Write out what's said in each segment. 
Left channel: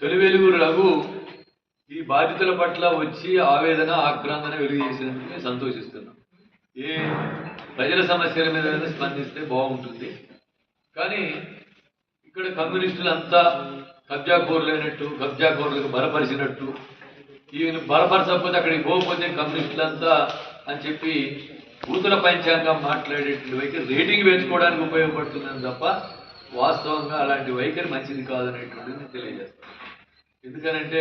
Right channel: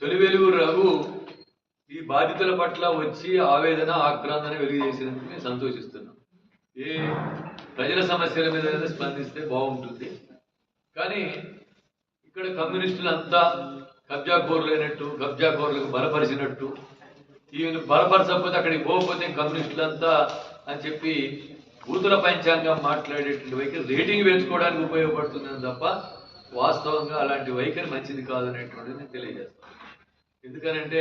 తొలి వెలుగు రఘు ఈ బాధితుల పట్ల వచ్చి ఆవేదన ఆక్రందన వెలుగు చేసినందుకు నేను సంతోషిస్తున్నాను. ఏ ప్రజల సమస్యల మీద స్పందిస్తే బాగుంటుంది. కానీ ఇక్కడ కమ్యూనిస్టులంతా కబ్జాకోరులైనట్టు, కబ్జాకోరులకు బలపరిచినట్టు, ఈయన బలపరచకపోతే అక్కడికి పోకపోతే కమ్యూనిస్టులంతా అని చెప్పి బూతుల పంచాంగం మాట్లాడేటువంటి వైఖరి రేటింగ్ పెంచుకోవడానికి ఉపయోగపడుతుందని తప్ప వాస్తవంగా అలాంటి వైఖరి మంచిది కాదనేటువంటిది నేను తెలియజేస్తాను. ఎందుకనంటే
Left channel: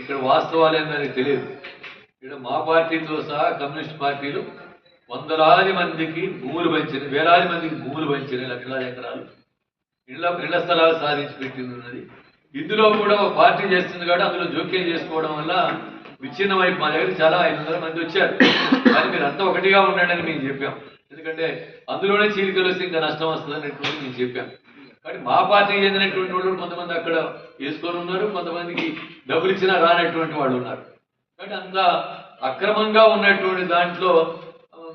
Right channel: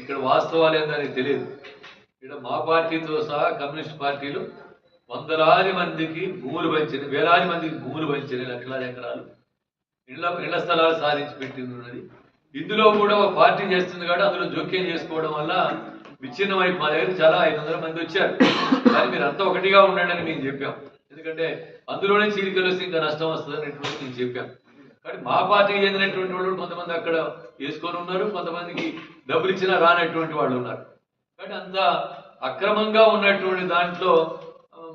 ఇక్కడ వాస్తవాలు ఏందని తెలియదు. ఇక్కడ మా పార్టీతో సహా కమ్యూనిస్ట్ పార్టీలు వందలాది మందికి భూములు పంచిన, వేలాది మందికి భూములు పంచిన, లక్షలాది ఎకరాలు ఇళ్ల స్థలాలు సాధించి పెట్టింది ఉన్నది. ఇందులో కూడా ఒక పార్టీ చేస్తుంది కాబట్టి అందులో జోక్యం చేసుకోవడం వల్ల విచ్ఛిన్నమై మా దగ్గర చాలా 500 మంది వచ్చారు. కానీ మీరు అంతా ఒకటిగా ఉండండి అని మేము చెప్పాం. ఎందుకంటే అందులోనే చీలికలు వస్తే ఇంకా నష్టం వస్తుంది అనేటువంటి నేను చెప్పాను. కాబట్టి మా పార్టీ చెందినటువంటి వాళ్ళు కొంతమంది అక్కడ వేసుకొని ఉన్నారు, కొంతమందికి డబ్బులు ఇచ్చినా రానటువంటి వాళ్ళు ఉన్నారు. కాబట్టి అంత అక్రమంగా ఉన్నటువంటి దాంట్లో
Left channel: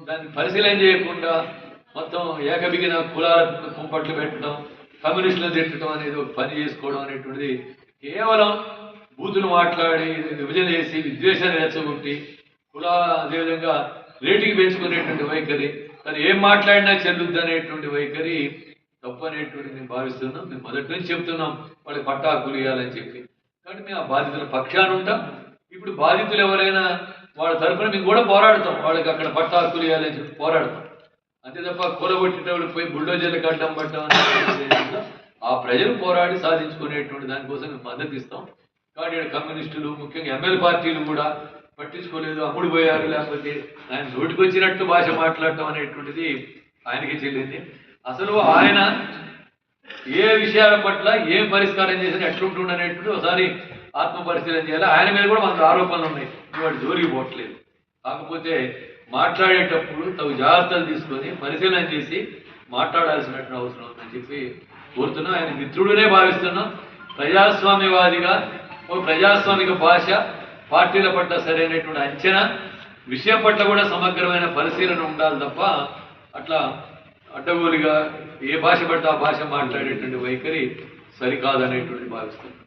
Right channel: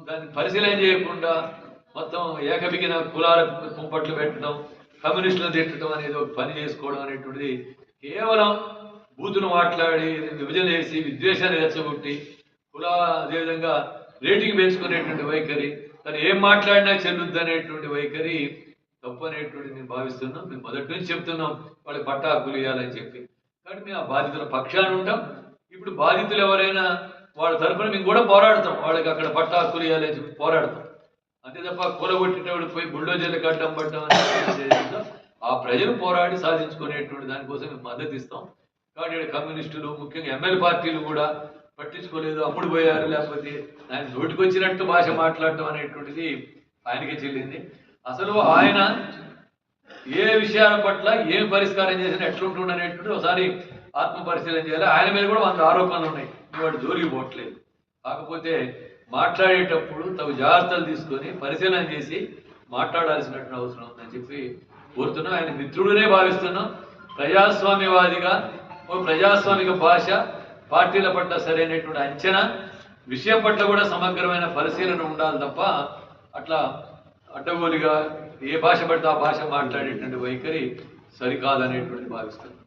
దాన్ని పరిశీలన చేయకుండా మొత్తం ఏకబిగిన కులాల కుంపట్లు పెట్టడం, కమ్యూనిస్టులు తిట్టడం అనేది ఒక పని చేసుకోవడం అనేటువంటిది కేవలం బూతులు మాట్లాడి విభజన చేసి విద్వేషాన్ని రెచ్చగొట్టి కుల అదేవిధంగా రేటింగ్ పెంచుకునేటువంటి వైఖరి, కానీ ఏం మాట్లాడినా చెల్లుద్ది అనేటువంటి వైఖరి తప్పు అనేటువంటి నేను భావిస్తున్నాం. మేము మొదటి నుంచి చెప్తున్నాం వాళ్ళకి పట్టా హక్కులు ఇవ్వాలని చెప్పి. కాబట్టి మేము ఆ బాధితుల పక్షాన ఉంటాం. ఇప్పుడు బాధితులు ఎవరైనా వాళ్ళ తరఫున మేము కూడా పోరాడతాం, వాళ్ళకి అక్కడ పట్టా హక్కులు ఇవ్వాలని చెప్పి పోరాడతాం. అంతే తప్ప కూలగొట్టేటప్పుడు పోయి బుల్డోజర్లకు అడ్డం పట్టడం అనేది ఆ ప్రజలు పోరాడి సాధించుకునేటువంటి దానికోసం మేము మద్దతు ఇస్తాం. కాబట్టి ఇక్కడ కమ్యూనిస్టులు ముఖ్యంగా ఎమ్మెల్యే పార్టీలు కూడా పట్టించుకోలేదు, అమ్ముడు పోయారు, లేకపోతే ఆయన నోటికొచ్చినట్టు భాష మాట్లాడటం అనేటువంటిది ఆయనకి చెల్లింది. అసలు ఆయన ఏ విషయాల పట్ల ఏం పరిష్కారం చేసినా ఎట్లుంటుండ అనేటువంటి ఒకసారి ఆత్మ పరిశీలన చేయాలి. ఆయన మీద కూడా మనకు ఆరోపణలు ఉన్నాయి, వాడు జోలికి పోవట్లేదు. కాకపోతే మాట్లాడేటప్పుడు తగు జాగ్రత్తలు తీసుకొని పరిశీలన చేసి మాట్లాడాల్సినటువంటి అవసరం ఉందని చెప్పి కోరుతున్నాం. ఆయన మిత్రుడునే భావిస్తున్నాం. ప్రజాస్వామ్యవాదిగా ఒక ప్రజాస్వామిక భాష, పార్టీల పట్ల సరైనటువంటి అంచనా, విషయం పట్ల కూడా సమగ్రమైన పరిశీలన ఉండాలి తప్ప అట్లా అడ్డగోలుగా ఏ భాష పడితే ఆ భాష మాట్లాడేటువంటి వైఖరి సరికాదనేటువంటి భావిస్తున్నాం.